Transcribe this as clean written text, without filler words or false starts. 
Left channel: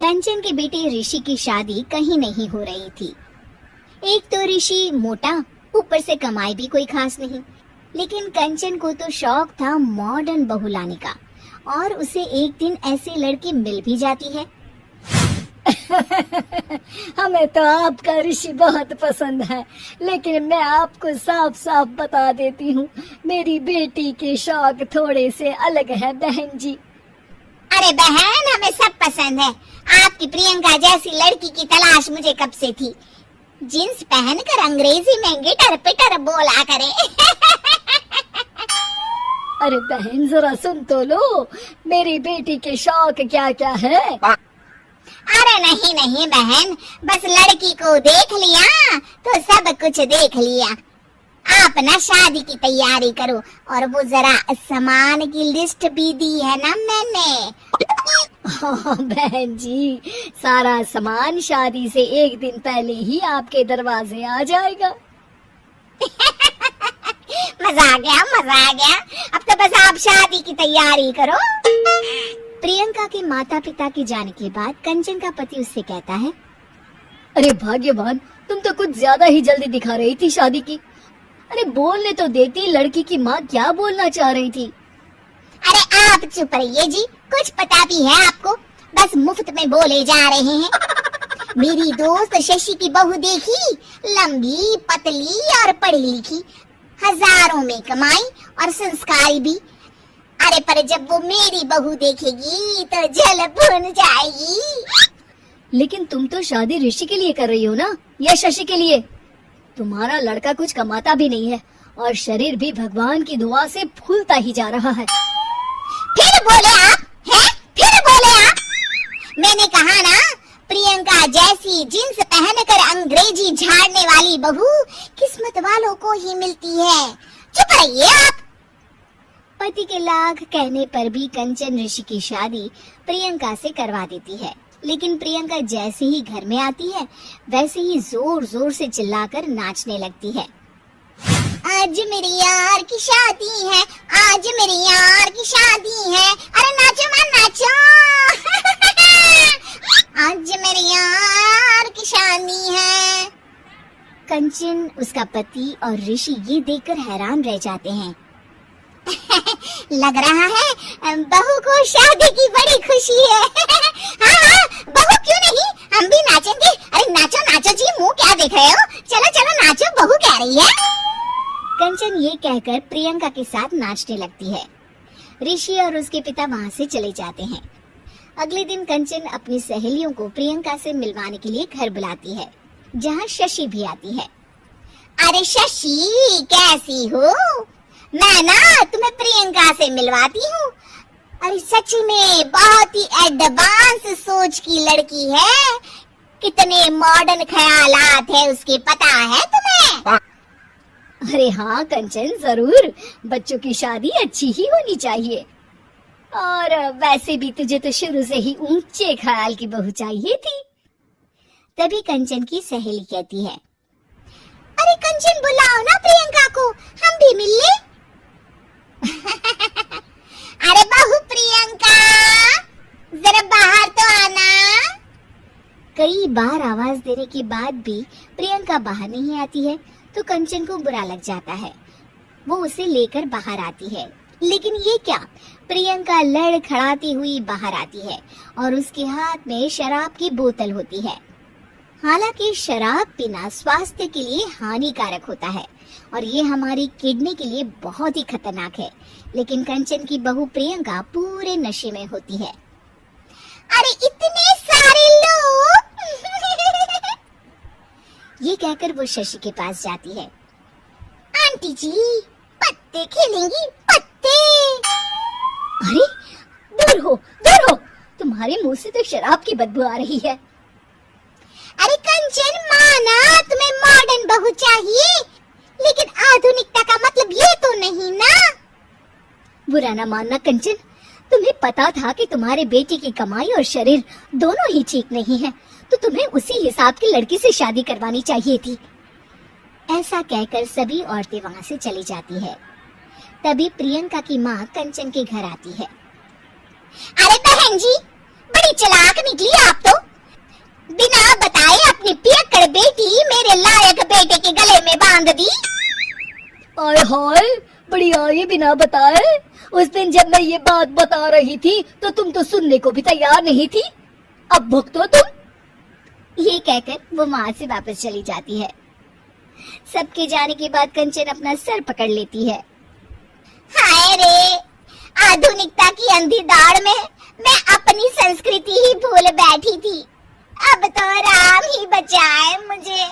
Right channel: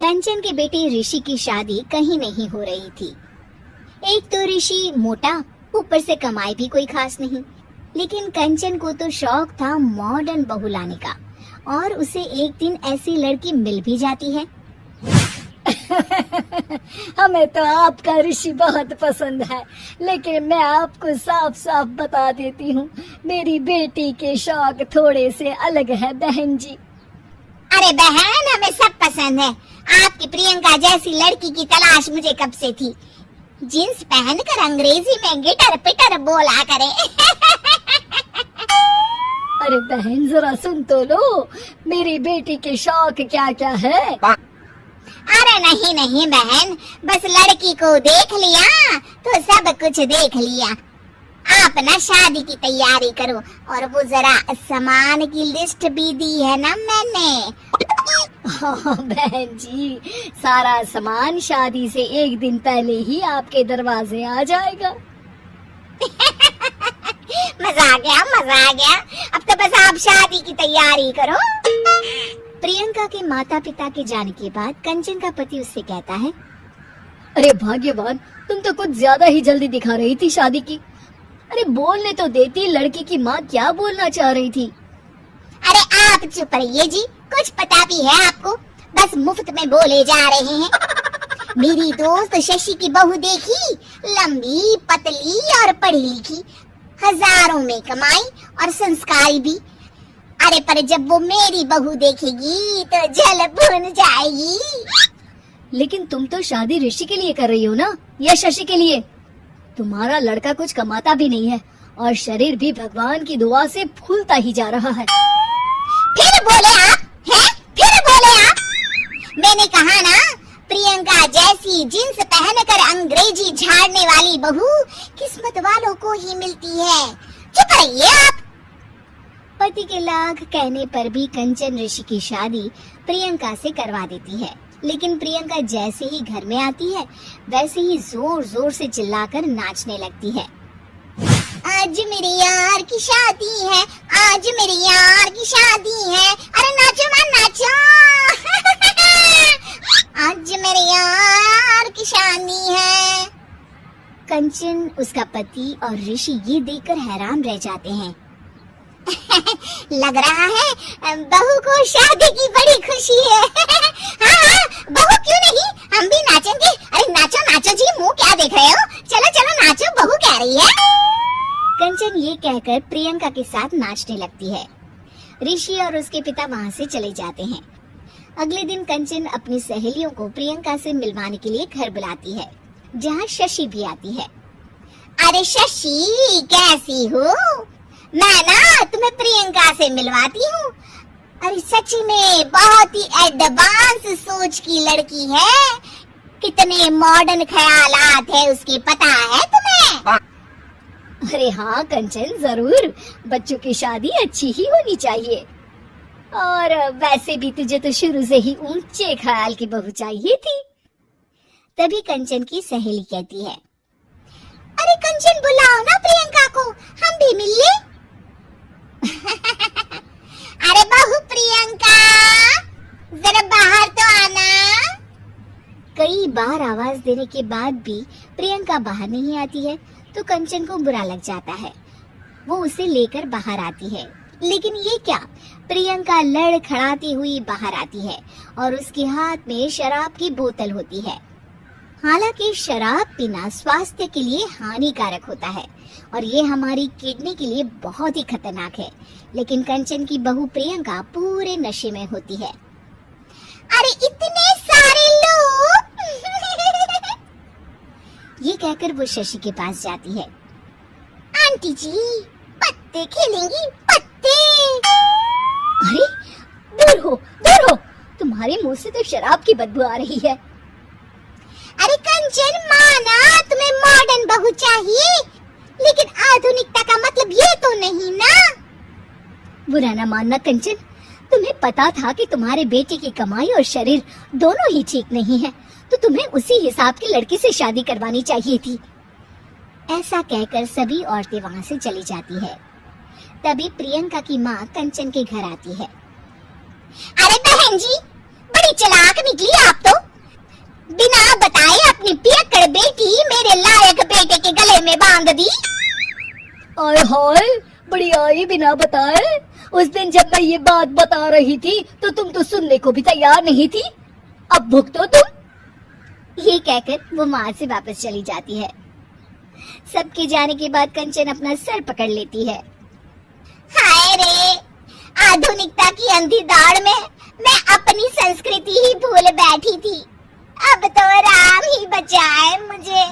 कंचन के बेटे ऋषि की शादी कहीं नहीं हो रही थी। एक तो ऋषि मोटा, ऊपर से कमाई भी कोई खास नहीं। लेकिन कंचन को तो शौक था मॉडर्न बहू लाने का, और उसे एक दिन ऐसी लड़की मिल भी जाती है। हमें तो आपका ऋषि बहुत पसंद है, लेकिन मैं आपको साफ साफ बता देती हूँ, मेरी बेटी के शौक थोड़े से अलग है बहन जी। अरे बहन, हमें सब पसंद है। आपकी प्रियंका जैसी लड़की की तलाश मुझे कब से थी। जींस पहनकर अंग्रेजी में गिटर पिटर बोला करे। अरे बहन, जरा सुन तो लो, मेरी बेटी के शौक क्या क्या है। अरे नहीं नहीं बहन, बस लड़की को देख लिया तो सब कुछ देख लिया। आप ना शादी की तैयारी करो, और वो जरा सामान की लिस्ट भी दी है ना मैंने। हाँ बहन जी, सारा सामान शादी से एक दिन पहले ही आपके दरवाजे आ जाएगा। मजा आ गया, मजा आ गया। अब तो बस आप शादी की तैयारी करो। प्रियंका के माता पिता के जाने के बाद कंचन का पति उससे कहता है, अरे भाग्यवान, तुम तो कुछ ज्यादा ही जल्दी दिखा रही थी शादी की। अरे बोलने तो देती, लड़की की माँ क्या बोलना चाह रही थी। अरे आप चुप रहिए जी, कुछ पता भी है आपको? बस मुफ्त में बोले जा रहे हैं। मेरी दोस्त शशि की बहू देखी, लंबी पतली और पढ़ी लिखी, हजारों में कमाई और संस्कारी भी। अरे पर जब वो मेरी बहू देखेगी तो जल भुन जाएगी। लेकिन तुम तो शादी ऋषि के लिए कर रही हो ना, या शशि के लिए? तुम्हारा लड़का कुछ कमाता भी नहीं है, और शरीर भी भगवान की दुआ से फूलता ही जा रहा है। फिर बोले आप हैं? फिर बोले आप? मैंने कहा ना, प्रियंका जैसी जींस पहनकर अंग्रेजी झाड़ने वाली बहू किस्मत वालों को ही मिलती है। चुप रहिए आप। पति के लाख कहने पर भी कंचन ऋषि की शादी प्रियंका से करवा देती है। लेकिन प्रियंका जैसे ही घर में आती है, वैसे ही जोर जोर से चिल्लाकर नाचने लगती है। आज मेरे यार की शादी है, आज मेरे यार की शादी है, अरे नाचो मां नाचो। आज मेरे यार की शादी है। कंचन, उसका पति और ऋषि ये देखकर हैरान रह जाते हैं। लग रहा है बहू को शादी की बड़ी खुशी है। हाँ, बहू क्यों नहीं, हम भी नाचेंगे। अरे नाचो नाचो जी, मुंह क्या देख रहे हो? चलो चलो नाचो, बहू कह रही है। कंचन ये कहकर प्रियंका के साथ नाचने लगती है। ऋषि और उसके पिता वहाँ से चले जाते हैं। अगले दिन कंचन अपनी सहेलियों को प्रियंका से मिलवाने के लिए घर बुलाती है, जहाँ शशि भी आती है। अरे शशि, कैसी हो? मैं ना तुम्हें प्रियंका से मिलवाती हूँ। अरे सच्ची में बहुत ही एडवांस सोच की लड़की है। कितने मॉडर्न ख्यालात है उसके, पता है तुम्हें? अरे हाँ कंचन, जरूर। बच्चों की शादी अच्छी ही होनी चाहिए। और वैसे भी तुझे तो शुरू से ही ऊंचे ख्याल की बहू चाहिए थी। तभी कंचन की सहेली कहती है, अरे कंचन बुलाओ ना प्रियंका को, हम भी मिल लें। अरे बहू प्रियंका, जरा बाहर तो आना। कई बार आवाज देने के बाद भी प्रियंका बाहर नहीं आती है, तो कंचन को बुरा लग जाता है। वो उसे लेकर बाहर आती है, लेकिन ये क्या, प्रियंका लड़खड़ाती हुई बाहर आती है और उसके हाथ में शराब की बोतल होती है। हालांकि शराब पीना स्वास्थ्य के लिए हानिकारक होता है और ये हमारी किडनी के लिए बहुत ही खतरनाक है, लेकिन कंचन की बहू प्रियंका पूरे नशे में होती है। अरे इतने सारे लोग। ये कहकर वो शशि के पास जाती है। आंटी जी, पत्ते खेलेंगी, पत्ते। अरे दूर हो, दूर हो, तुम्हारे मुंह से तो शराब की बदबू आ रही है। अरे कंचन, माना तुम्हें मॉडर्न बहू चाहिए, लेकिन आधुनिकता का मतलब ये तो नहीं ना। बुरा ना मानना कंचन, तुम्हें पता था कि तुम्हारे बेटे की कमाई और शरीर दोनों ही ठीक नहीं है, तो तुम्हें उसी हिसाब की लड़की से शादी करवानी चाहिए थी। ऐसा कहकर सभी औरतें वहाँ से चली जाती है। तभी प्रियंका की माँ कंचन के घर आती है। अरे बहन जी, बड़ी चालाक निकली आप तो। बिना बताए अपनी पियक्कड़ बेटी मेरे लायक बेटे के गले में बांध दी। आय हाय, बड़ी आई बिना बताए। उस दिन जब मैं ये बात बता रही थी तो तुम तो सुनने को भी तैयार नहीं थी। अब भुगतो तुम। ये कहकर वो वहां से वापस चली जाती है। सबके जाने के बाद कंचन अपना सर पकड़ लेती है। हाय रे, आधुनिकता की अंधी दौड़ में मैं अपनी संस्कृति ही भूल बैठी थी। अब तो राम ही बचाए मुझे।